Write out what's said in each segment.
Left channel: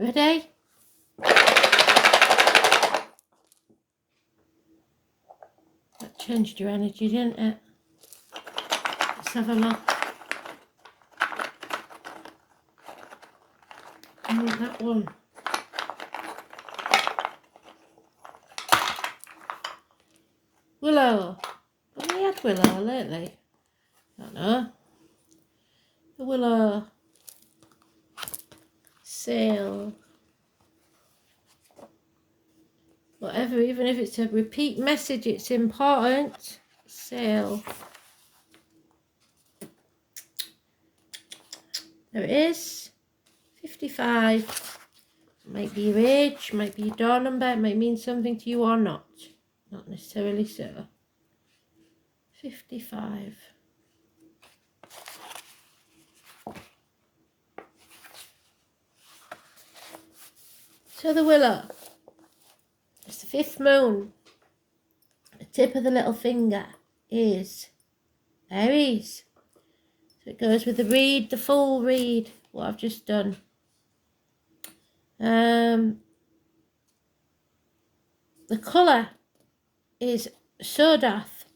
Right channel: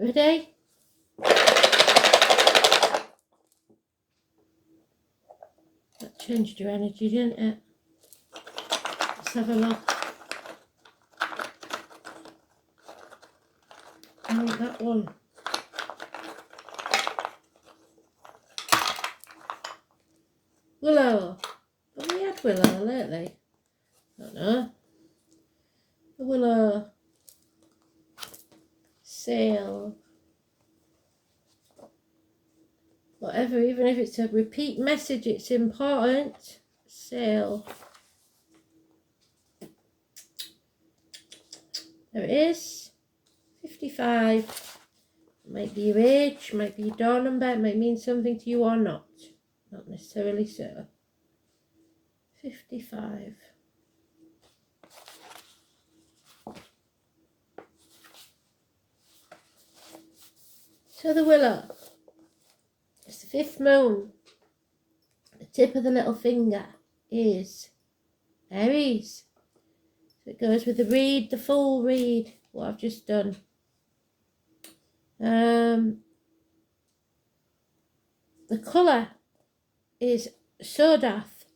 Ready? That changed your energy, didn't it? Let's have a look. I want that one. Willow. Have we had willow lately? I don't know. The willow. Sail. Whatever, even if it's a repeat message, it's important. Sail. There it is. 55. Might be your age, might be your door number, it might mean something to you or not. Not necessarily so. 55. So the willow. It's the fifth moon. The tip of the little finger is Aries. So it goes with the reed, the full reed, what I've just done. The colour is sodath,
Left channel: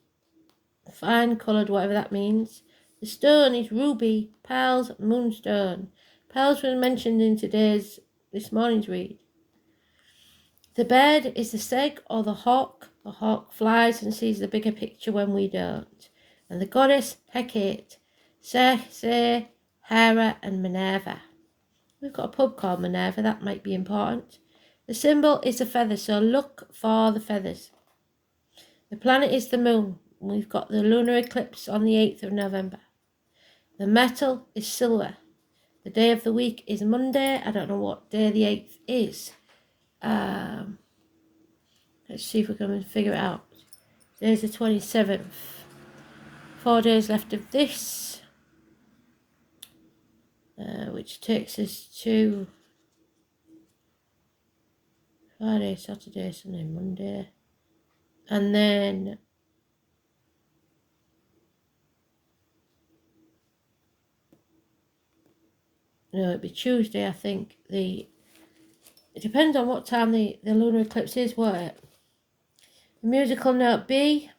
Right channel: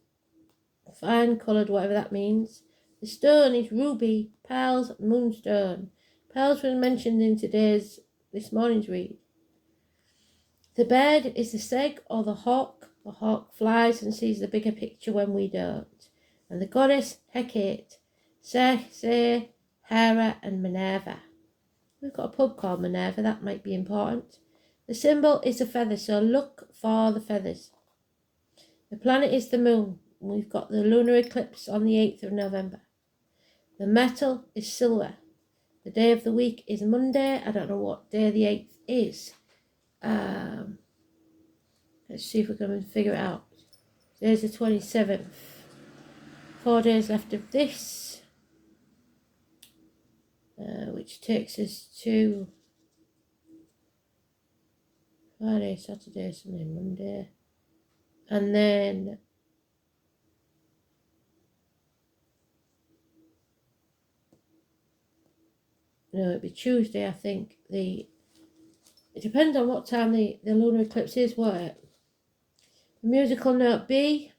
fine coloured, whatever that means. The stone is ruby, pearls, moonstone. Pearls were mentioned in this morning's read. The bird is the stag or the hawk. The hawk flies and sees the bigger picture when we don't. And the goddess Hecate, Circe, Hera and Minerva. We've got a pub called Minerva, that might be important. The symbol is a feather, so look for the feathers. The planet is the moon. We've got the lunar eclipse on the 8th of November. The metal is silver. The day of the week is Monday. I don't know what day the 8th is. Let's see if we can figure it out. There's the 27th. 4 days left of this. Which takes us to Friday, Saturday, Sunday, Monday. And then no, it'd be Tuesday, I think. It depends on what time the lunar eclipse is, won't it? The musical note B.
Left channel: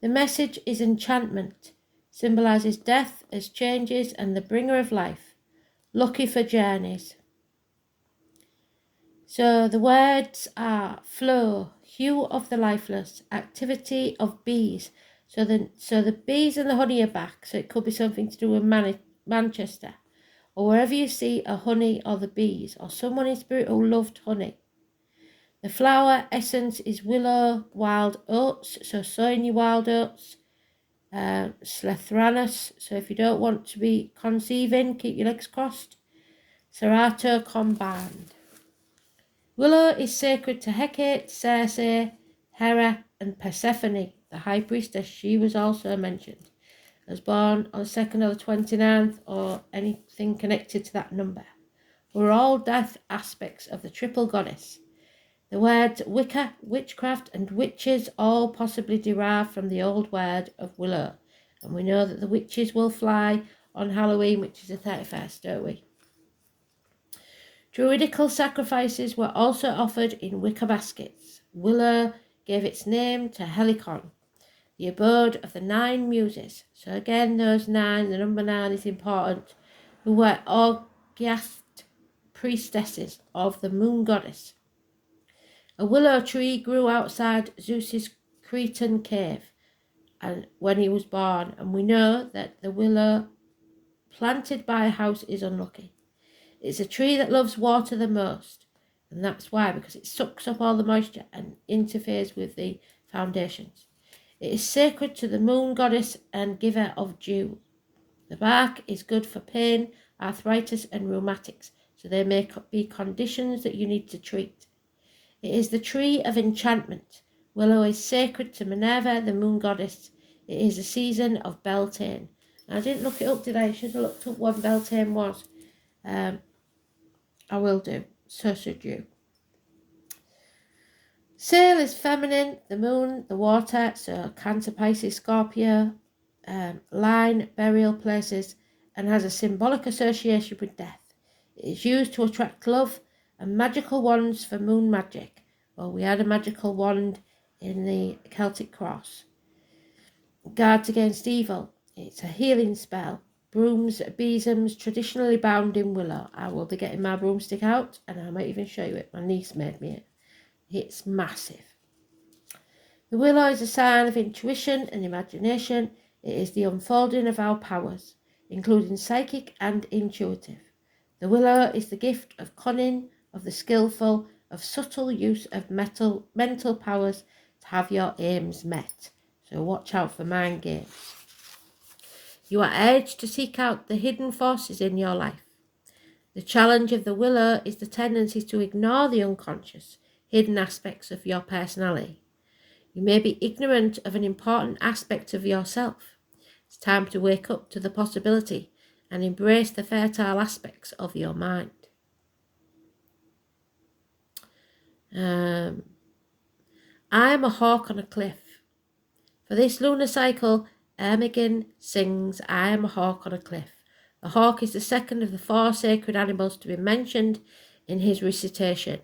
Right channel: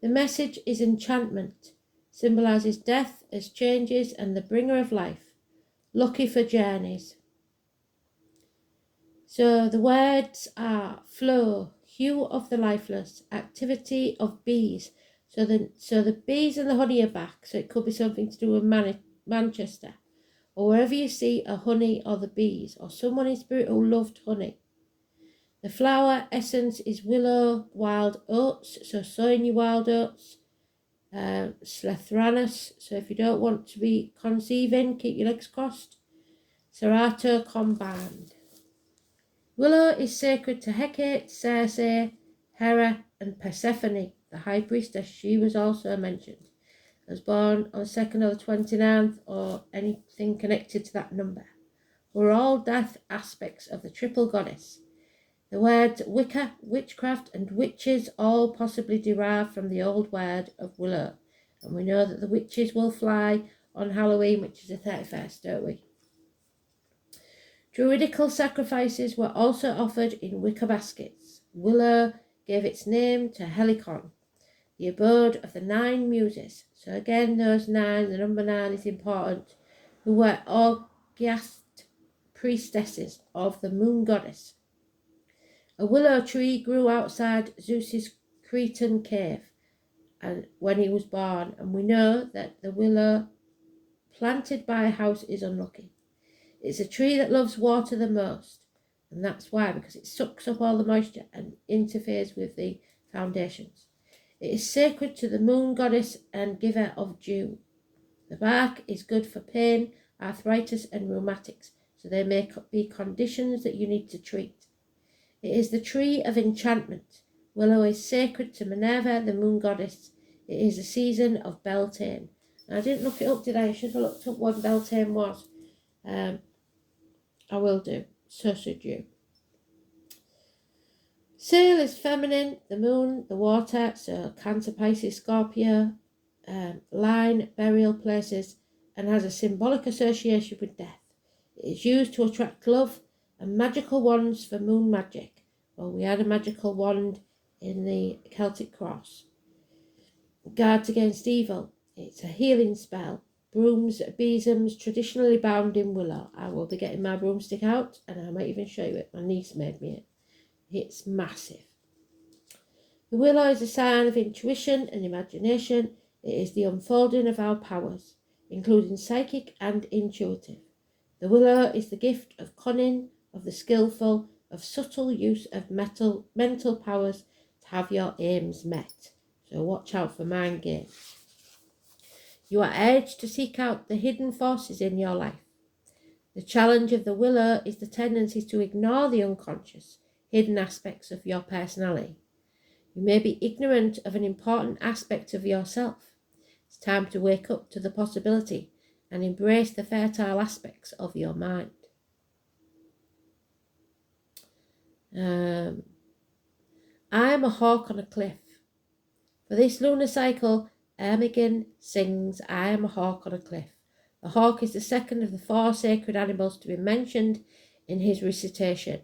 The message is enchantment. Symbolises death as changes and the bringer of life. Lucky for journeys. So the words are flow, hue of the lifeless, activity of bees. So the bees and the honey are back. So it could be something to do with Manchester. Or wherever you see a honey or the bees, or someone in spirit who loved honey. The flower essence is willow, wild oats, so sowing your wild oats. Slethranus, so if you don't want to be conceiving, keep your legs crossed. Serato combined. Willow is sacred to Hecate, Circe, Hera and Persephone, the high priestess. She was also mentioned. Was born on the 2nd or the 29th or anything connected to that number. Were all death aspects of the triple goddess. The words Wicca, witchcraft and witches all possibly derive from the old word of willow. And we know that the witches will fly on Halloween, which is the 31st, don't we? Druidical sacrifices were also offered in wicker baskets. Willow gave its name to Helicon, the abode of the 9 muses. So again, those 9, the number 9 is important, who were august priestesses of the moon goddess. A willow tree grew outside Zeus's Cretan cave and when he was born, and we know that the willow planted by a house is unlucky. It's a tree that loves water the most, and that's why, because it sucks up all the moisture and interferes with the foundations. It is sacred to the moon goddess and giver of dew. The bark is good for pain, arthritis and rheumatics, so they may be conditions that you need to treat. It is the tree of enchantment. Willow is sacred to Minerva, the moon goddess. It is a season of Beltane. I didn't look it up, did I? I should have looked up what Beltane was. I will do. So should you. Sail is feminine, the moon, the water, so Cancer, Pisces, Scorpio, line, burial places, and has a symbolic association with death. It is used to attract love, and magical wands for moon magic. Well, we had a magical wand in the Celtic cross. Guards against evil. It's a healing spell. Brooms, besoms, traditionally bound in willow. I will be getting my broomstick out, and I might even show you it. My niece made me it. It's massive. The willow is a sign of intuition and imagination. It is the unfolding of our powers, including psychic and intuitive. The willow is the gift of cunning, of the skillful, of subtle use of mental powers to have your aims met. So watch out for mind games. You are urged to seek out the hidden forces in your life. The challenge of the willow is the tendency to ignore the unconscious, hidden aspects of your personality. You may be ignorant of an important aspect of yourself. It's time to wake up to the possibility and embrace the fertile aspects of your mind. I am a hawk on a cliff. For this lunar cycle, Ermigin sings, I am a hawk on a cliff. The hawk is the second of the 4 sacred animals to be mentioned in his recitation.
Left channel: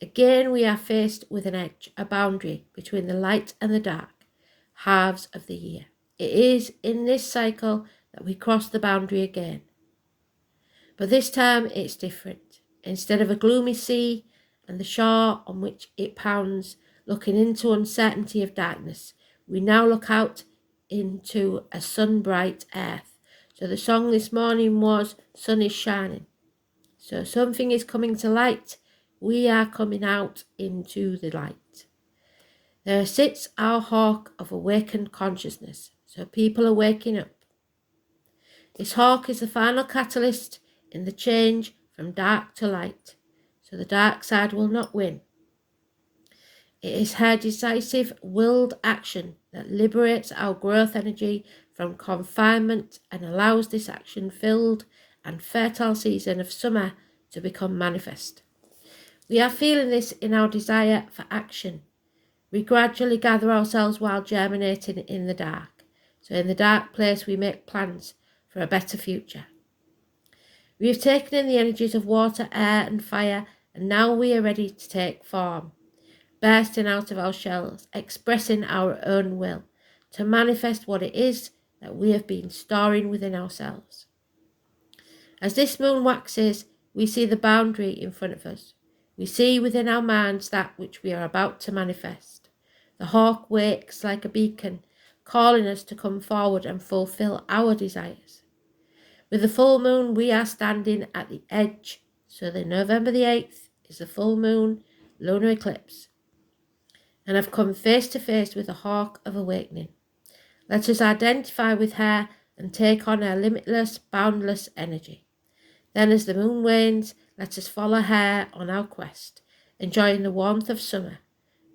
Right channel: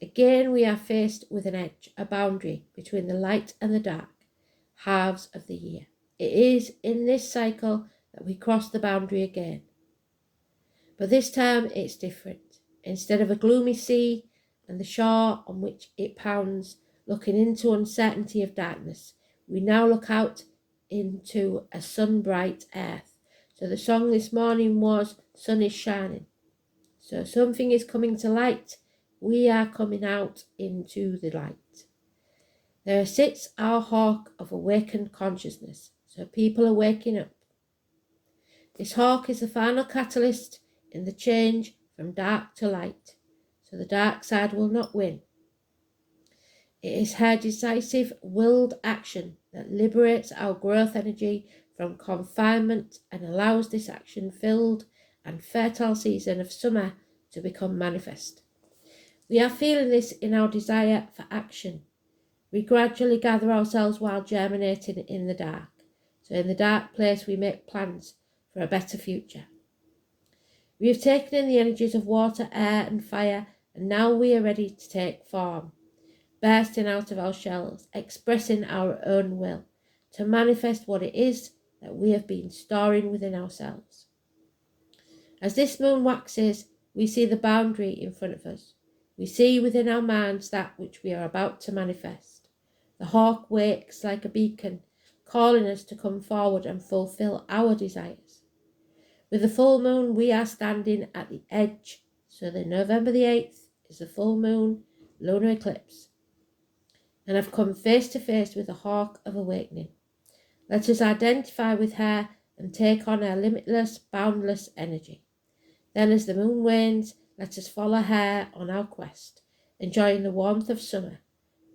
Again, we are faced with an edge, a boundary between the light and the dark, halves of the year. It is in this cycle that we cross the boundary again. But this time it's different. Instead of a gloomy sea and the shore on which it pounds, looking into uncertainty of darkness, we now look out into a sun-bright earth. So the song this morning was, sun is shining. So something is coming to light. We are coming out into the light. There sits our hawk of awakened consciousness. So people are waking up. This hawk is the final catalyst in the change from dark to light. So the dark side will not win. It is her decisive, willed action that liberates our growth energy from confinement and allows this action-filled and fertile season of summer to become manifest. We are feeling this in our desire for action. We gradually gather ourselves while germinating in the dark. So in the dark place we make plans for a better future. We have taken in the energies of water, air and fire, and now we are ready to take form, bursting out of our shells, expressing our own will, to manifest what it is that we have been storing within ourselves. As this moon waxes, we see the boundary in front of us. We see within our minds that which we are about to manifest. The hawk wakes like a beacon, calling us to come forward and fulfill our desires. With the full moon, we are standing at the edge. So the November the 8th is the full moon lunar eclipse. And I've come face to face with the hawk of awakening. Let us identify with her and take on her limitless, boundless energy. Then as the moon wanes, let us follow her on our quest, enjoying the warmth of summer,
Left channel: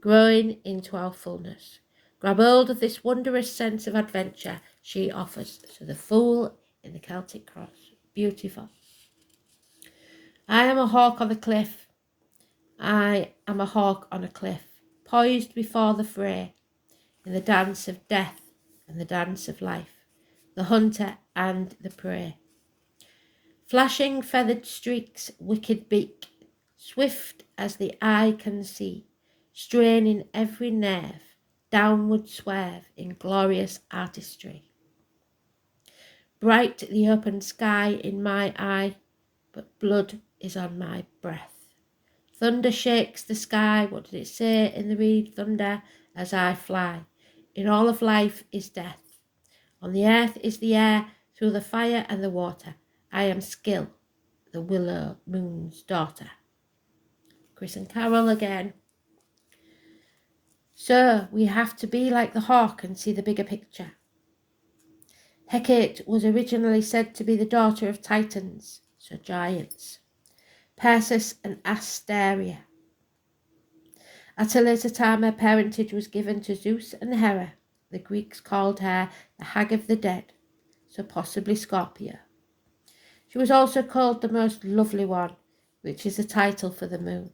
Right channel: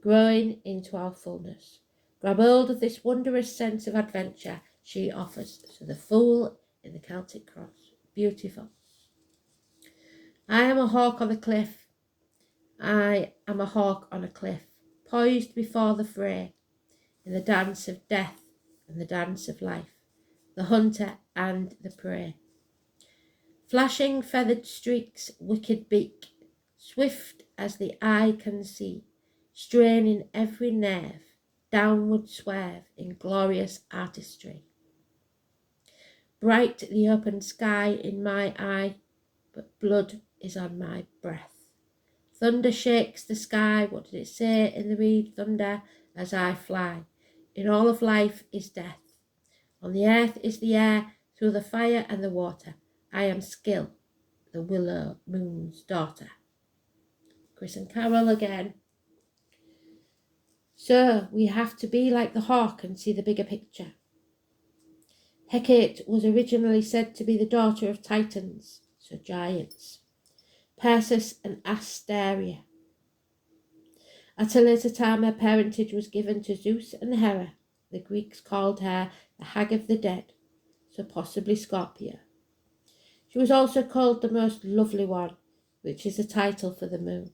growing into our fullness. Grab hold of this wondrous sense of adventure she offers. So the Fool in the Celtic cross. Beautiful. I am a hawk on a cliff. I am a hawk on a cliff, poised before the fray, in the dance of death and the dance of life, the hunter and the prey. Flashing feathered streaks, wicked beak, swift as the eye can see, straining every nerve, downward swerve in glorious artistry. Bright the open sky in my eye, but blood is on my breath. Thunder shakes the sky, what did it say in the reed? Thunder as I fly. In all of life is death. On the earth is the air, through the fire and the water. I am Skill, the willow moon's daughter. Chris and Carol again. So we have to be like the hawk and see the bigger picture. Hecate was originally said to be the daughter of Titans, so giants, Perseus and Asteria. At a later time, her parentage was given to Zeus and Hera. The Greeks called her the Hag of the Dead, so possibly Scorpio. She was also called the Most Lovely One, which is a title for the moon.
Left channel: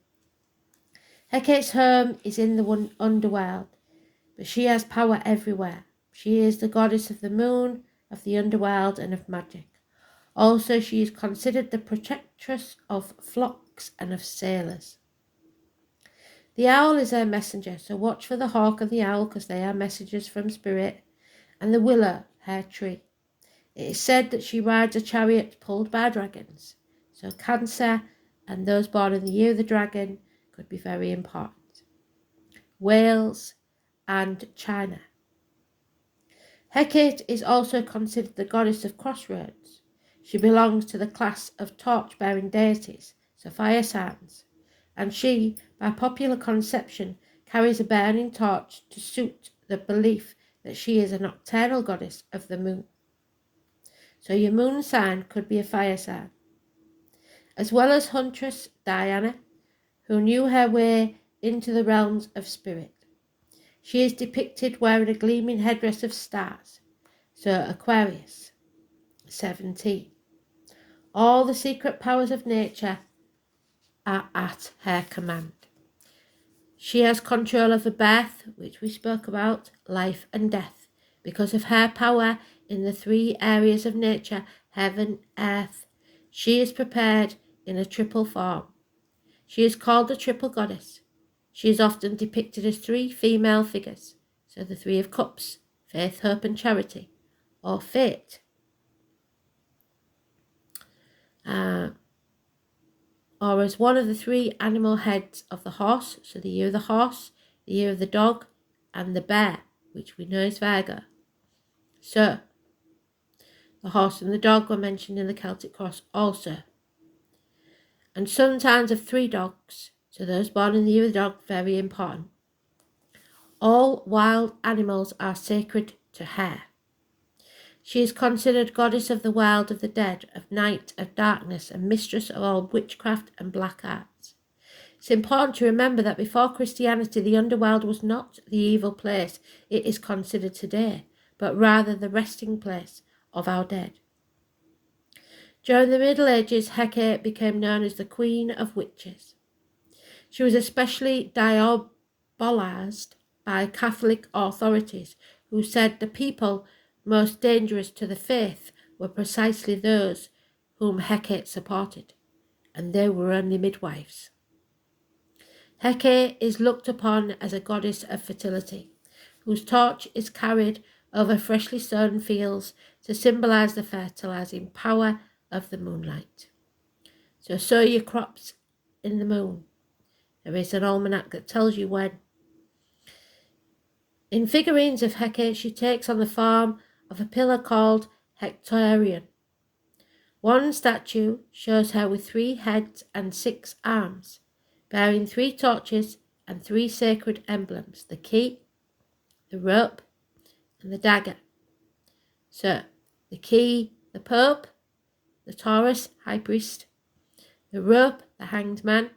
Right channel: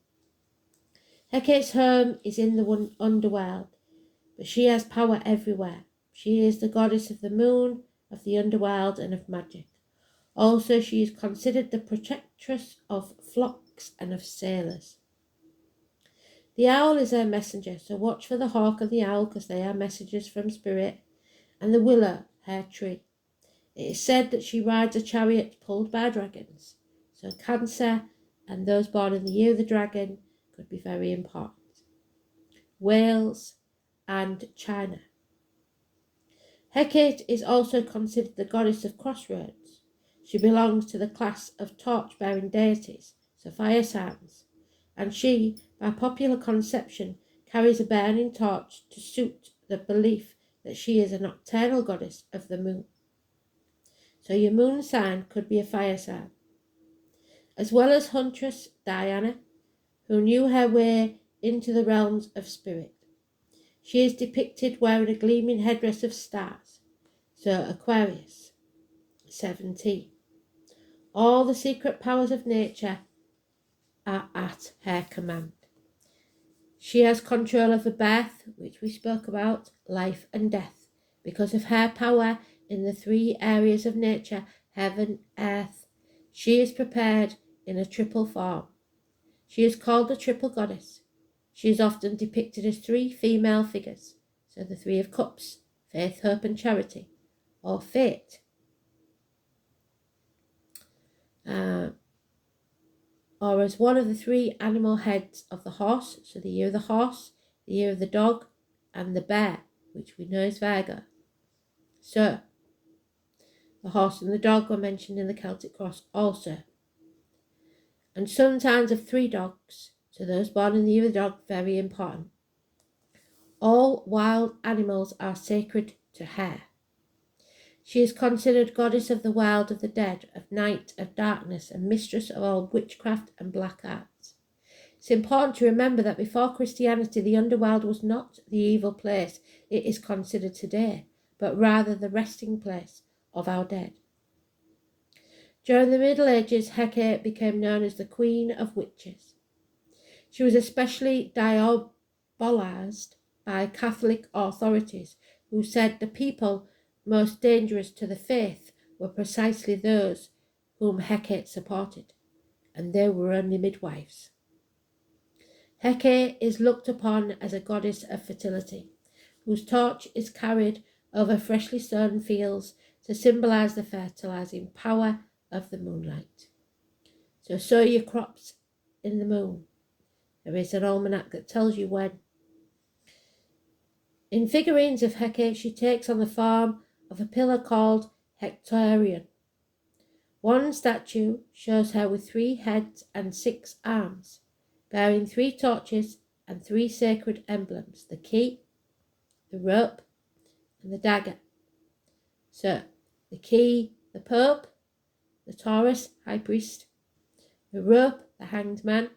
Hecate's home is in the underworld, but she has power everywhere. She is the goddess of the moon, of the underworld, and of magic. Also, she is considered the protectress of flocks and of sailors. The owl is her messenger, so watch for the hawk and the owl because they are messengers from spirit, and the willow, her tree. It is said that she rides a chariot pulled by dragons, so Cancer and those born in the year of the dragon could be very important. Wales and China. Hecate is also considered the goddess of crossroads. She belongs to the class of torch-bearing deities, so fire signs, and she, by popular conception, carries a burning torch to suit the belief that she is a nocturnal goddess of the moon. So your moon sign could be a fire sign. As well as huntress Diana, who knew her way into the realms of spirit. She is depicted wearing a gleaming headdress of stars, so Aquarius, 17. All the secret powers of nature are at her command. She has control of the birth, which we spoke about, life and death, because of her power in the three areas of nature, heaven, earth. She is prepared in a triple form. She is called the triple goddess. She is often depicted as three female figures, so the Three of Cups, faith, hope and charity, or fate. Or as one of the three animal heads of the horse, so the year of the horse, the year of the dog, and the bear, which we know is Virgo. So, the horse and the dog were mentioned in the Celtic cross also. And sometimes of three dogs, so those born in the year of the dog, very important. All wild animals are sacred to her. She is considered goddess of the wild, of the dead, of night, of darkness, and mistress of all witchcraft and black arts. It's important to remember that before Christianity, the underworld was not the evil place it is considered today, but rather the resting place of our dead. During the Middle Ages, Hecate became known as the Queen of Witches. She was especially diabolized by Catholic authorities, who said the people most dangerous to the faith were precisely those whom Hecate supported, and they were only midwives. Hecate is looked upon as a goddess of fertility, whose torch is carried over freshly sown fields to symbolize the fertilizing power of the moonlight. So sow your crops in the moon. There is an almanac that tells you when. In figurines of Hecate, she takes on the form of a pillar called Hectorion. One statue shows her with 3 heads and 6 arms, bearing 3 torches and 3 sacred emblems, the key, the rope, and the dagger. So, the key, the Pope, the Taurus, High Priest, the rope, the Hanged Man,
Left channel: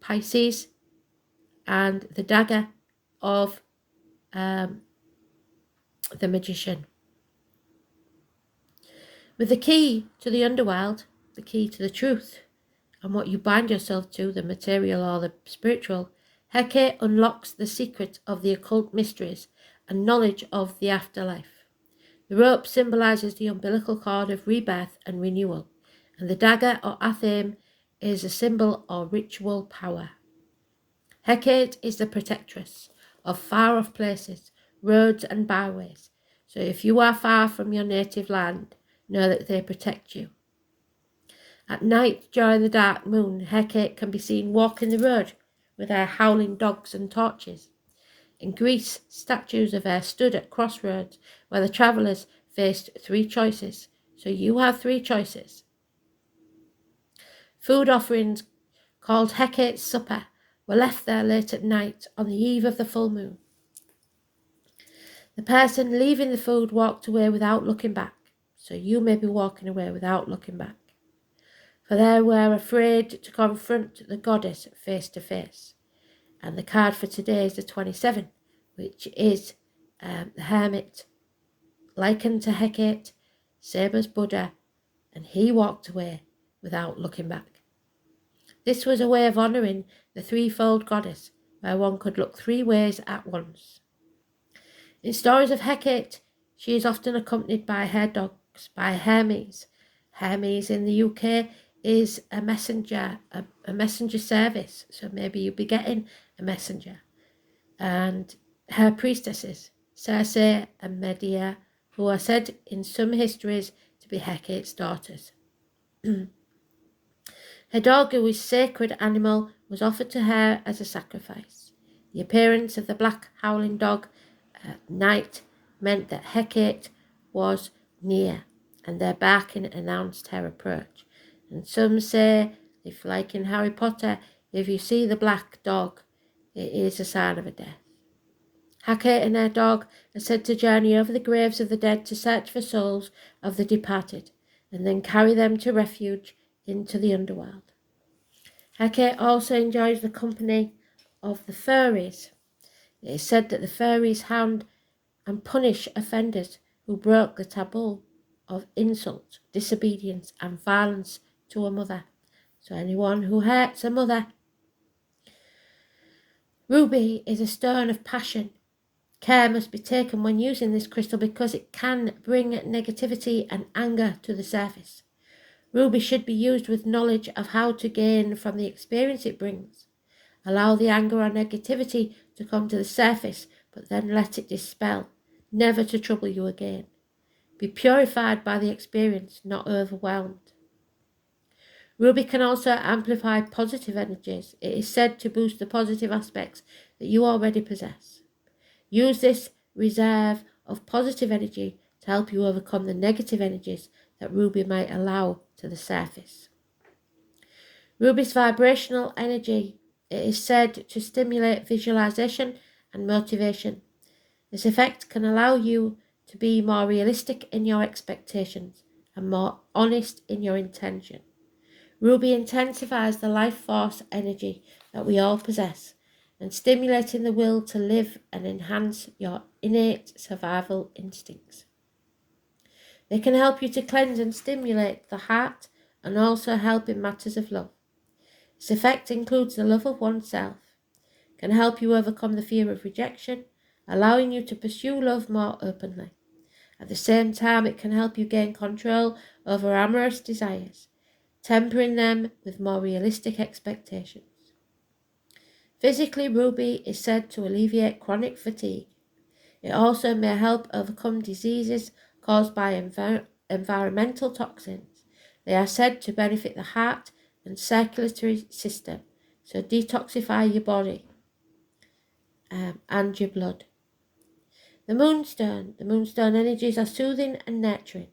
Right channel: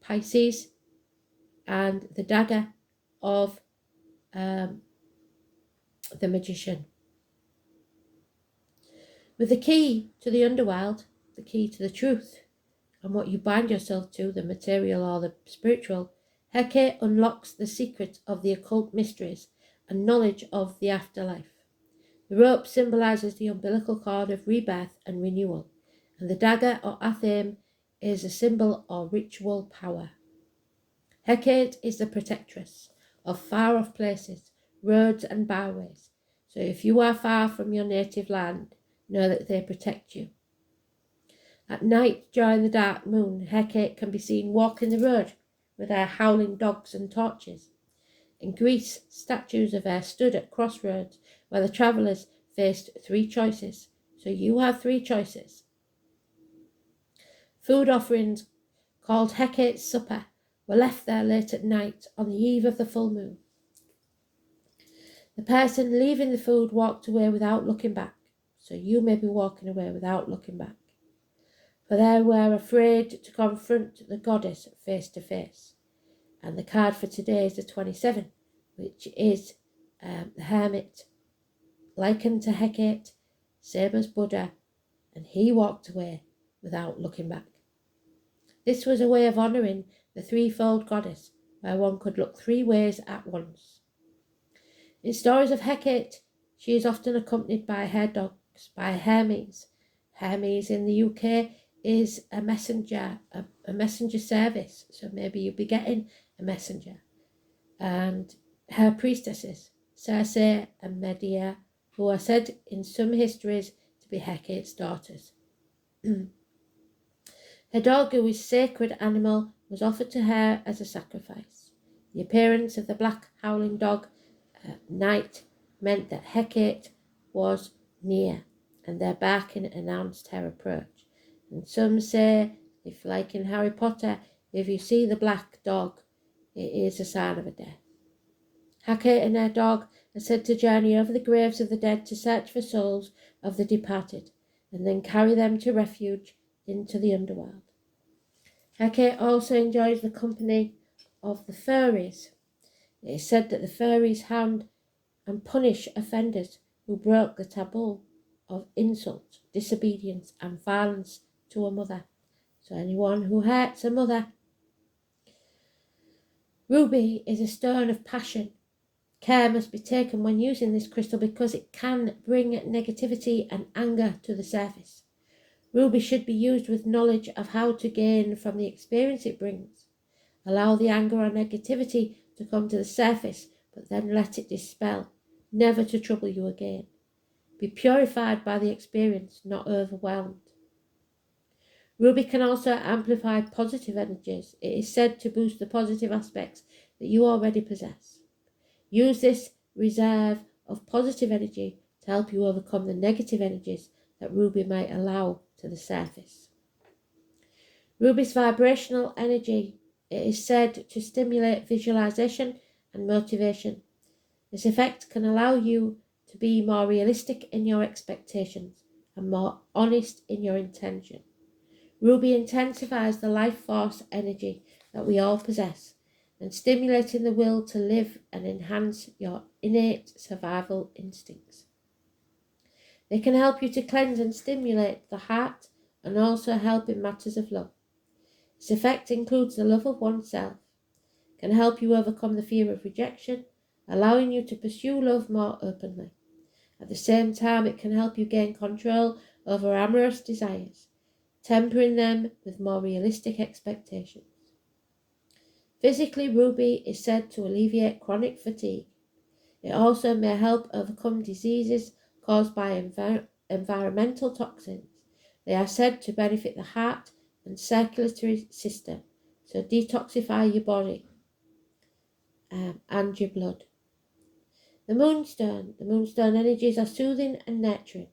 Pisces, and the dagger of the Magician. With the key to the underworld, the key to the truth, and what you bind yourself to, the material or the spiritual, Hecate unlocks the secret of the occult mysteries and knowledge of the afterlife. The rope symbolizes the umbilical cord of rebirth and renewal, and the dagger or athame is a symbol of ritual power. Hecate is the protectress of far-off places, roads and byways. So if you are far from your native land, know that they protect you. At night, during the dark moon, Hecate can be seen walking the road with her howling dogs and torches. In Greece, statues of her stood at crossroads where the travellers faced 3 choices. So you have 3 choices. Food offerings called Hecate's Supper were left there late at night on the eve of the full moon. The person leaving the food walked away without looking back. So you may be walking away without looking back. For they were afraid to confront the goddess face to face. And the card for today is the 27, which is the hermit, likened to Hecate, same as Buddha, and he walked away without looking back. This was a way of honouring the threefold goddess, where one could look 3 ways at once. In stories of Hecate, she is often accompanied by her dogs, by Hermes, Hermes in the UK is a messenger, a messenger service. So maybe you'll be getting a messenger. And her priestesses, Circe and Medea, who are said in some histories to be Hecate's daughters. Her dog, who is a sacred animal, was offered to her as a sacrifice. The appearance of the black howling dog at night meant that Hecate was near, and their barking announced her approach. And some say, if like in Harry Potter, if you see the black dog, it is a sign of a death. Hecate and her dog are said to journey over the graves of the dead to search for souls of the departed, and then carry them to refuge into the underworld. Hecate also enjoys the company of the fairies. It is said that the fairies hound and punish offenders who broke the taboo of insult, disobedience and violence to a mother. So anyone who hurts a mother. Ruby is a stone of passion. Care must be taken when using this crystal because it can bring negativity and anger to the surface. Ruby should be used with knowledge of how to gain from the experience it brings. Allow the anger or negativity to come to the surface, but then let it dispel, never to trouble you again. Be purified by the experience, not overwhelmed. Ruby can also amplify positive energies. It is said to boost the positive aspects that you already possess. Use this reserve of positive energy to help you overcome the negative energies that Ruby might allow to the surface. Ruby's vibrational energy, it is said to stimulate visualization and motivation. This effect can allow you to be more realistic in your expectations and more honest in your intention. Ruby intensifies the life force energy that we all possess and stimulating the will to live and enhance your innate survival instincts. They can help you to cleanse and stimulate the heart and also help in matters of love. This effect includes the love of oneself, can help you overcome the fear of rejection, allowing you to pursue love more openly. At the same time, it can help you gain control over amorous desires, tempering them with more realistic expectations. Physically, Ruby is said to alleviate chronic fatigue. It also may help overcome diseases caused by environmental toxins. They are said to benefit the heart and circulatory system, so detoxify your body and your blood. The moonstone energies are soothing and nurturing.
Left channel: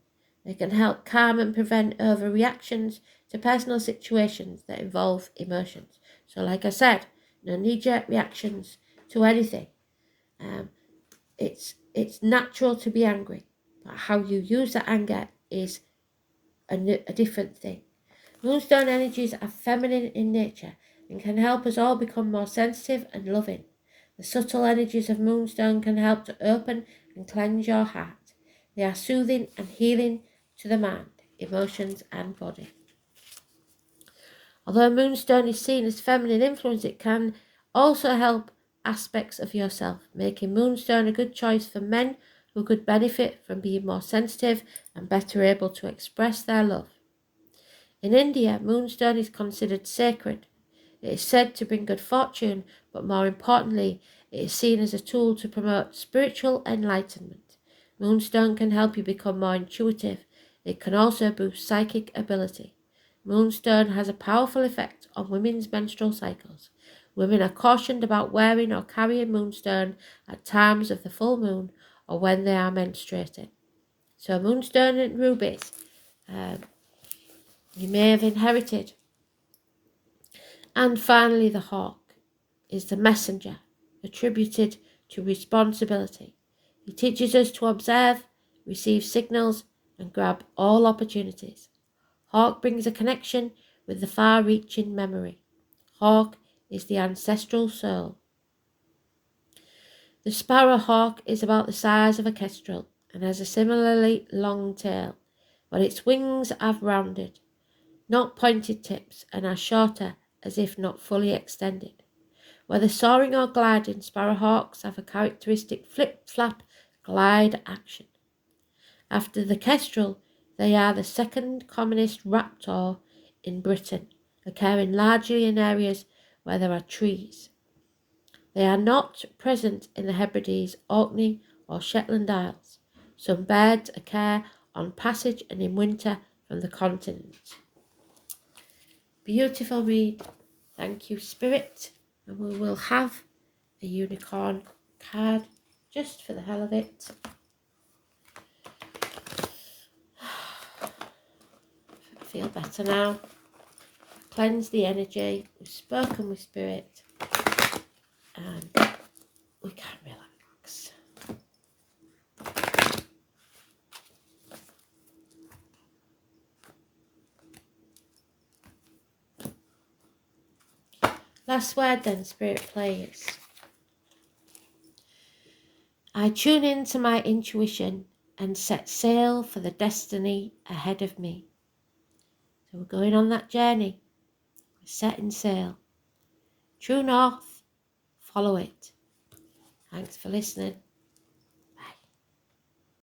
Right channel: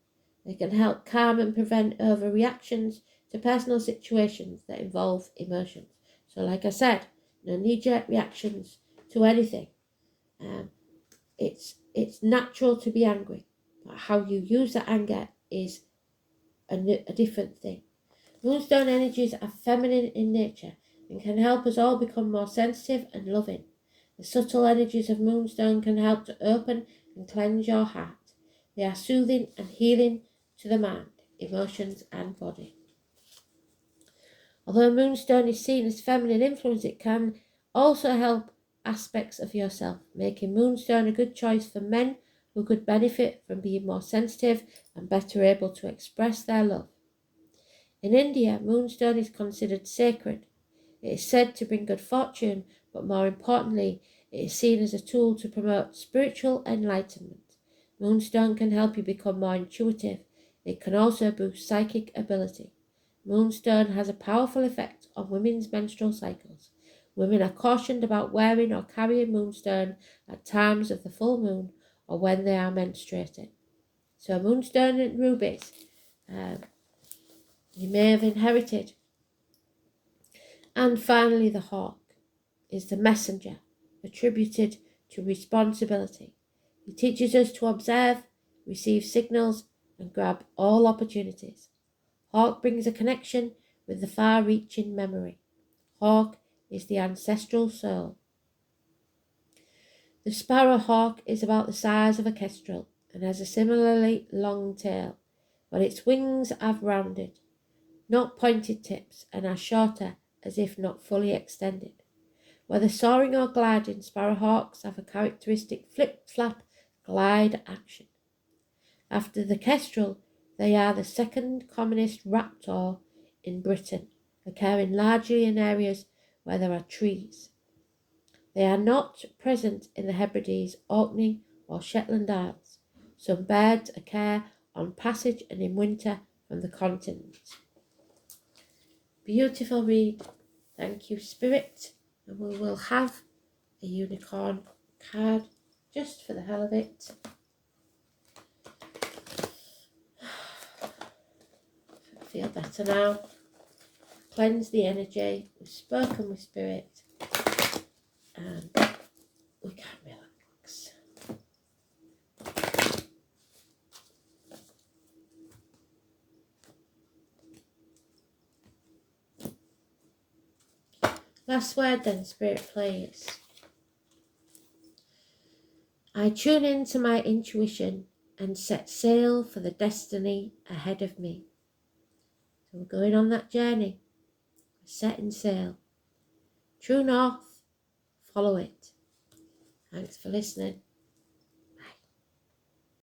They can help calm and prevent overreactions to personal situations that involve emotions. So like I said, no knee-jerk reactions to anything. It's natural to be angry, but how you use that anger is a different thing. Moonstone energies are feminine in nature and can help us all become more sensitive and loving. The subtle energies of moonstone can help to open and cleanse your heart. They are soothing and healing to the mind, emotions and body. Although moonstone is seen as feminine influence, it can also help aspects of yourself, making moonstone a good choice for men who could benefit from being more sensitive and better able to express their love. In India, moonstone is considered sacred. It is said to bring good fortune, but more importantly, it is seen as a tool to promote spiritual enlightenment. Moonstone can help you become more intuitive. It can also boost psychic ability. Moonstone has a powerful effect on women's menstrual cycles. Women are cautioned about wearing or carrying moonstone at times of the full moon or when they are menstruating. So moonstone and rubies, you may have inherited. And finally, the hawk is the messenger, attributed to responsibility. He teaches us to observe, receive signals, and grab all opportunities. Hawk brings a connection with the far-reaching memory. Hawk is the ancestral soul. The sparrowhawk is about the size of a kestrel and has a similarly long tail, but its wings are rounded, not pointed tips, and are shorter as if not fully extended. Whether soaring or gliding, sparrowhawks have a characteristic flip-flap glide action. After the kestrel, They are the second commonest raptor in Britain, occurring largely in areas where there are trees. They are not present in the Hebrides, Orkney or Shetland Isles. Some birds occur on passage and in winter from the continent. Beautiful read. Thank you, Spirit. And we will have a unicorn card just for the hell of it. I feel better now. Cleanse the energy. We've spoken with Spirit. And we can relax. Last word then, Spirit, please. I tune into my intuition and set sail for the destiny ahead of me. So we're going on that journey. We're setting sail. True north, follow it. Thanks for listening.